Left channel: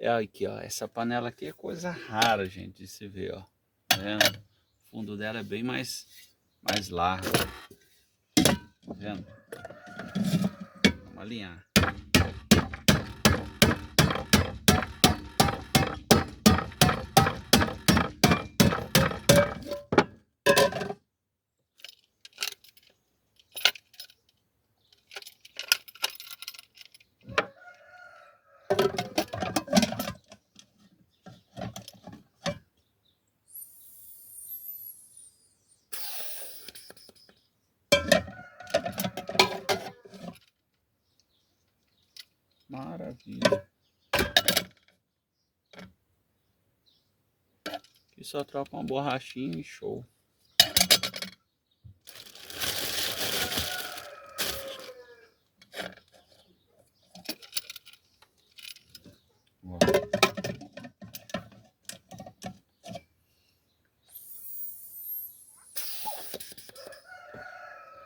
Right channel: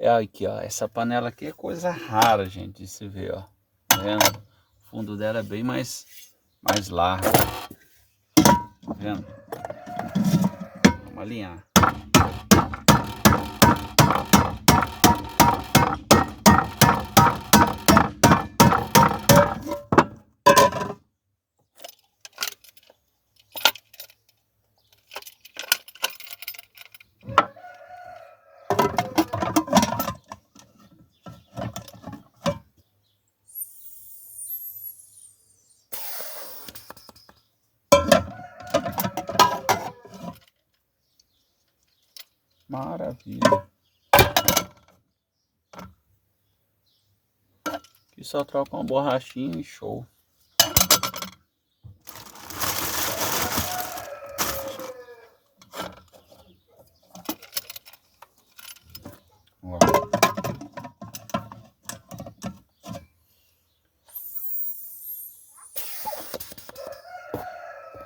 É aqui, ó. Essa panela aqui é coisa rara, gente, de se ver, ó. Tá vendo? O fundo dela é bem mais largo. Tá vendo? Vamos alinhar. Maravilha. Aqui só troca uma borrachinha e show.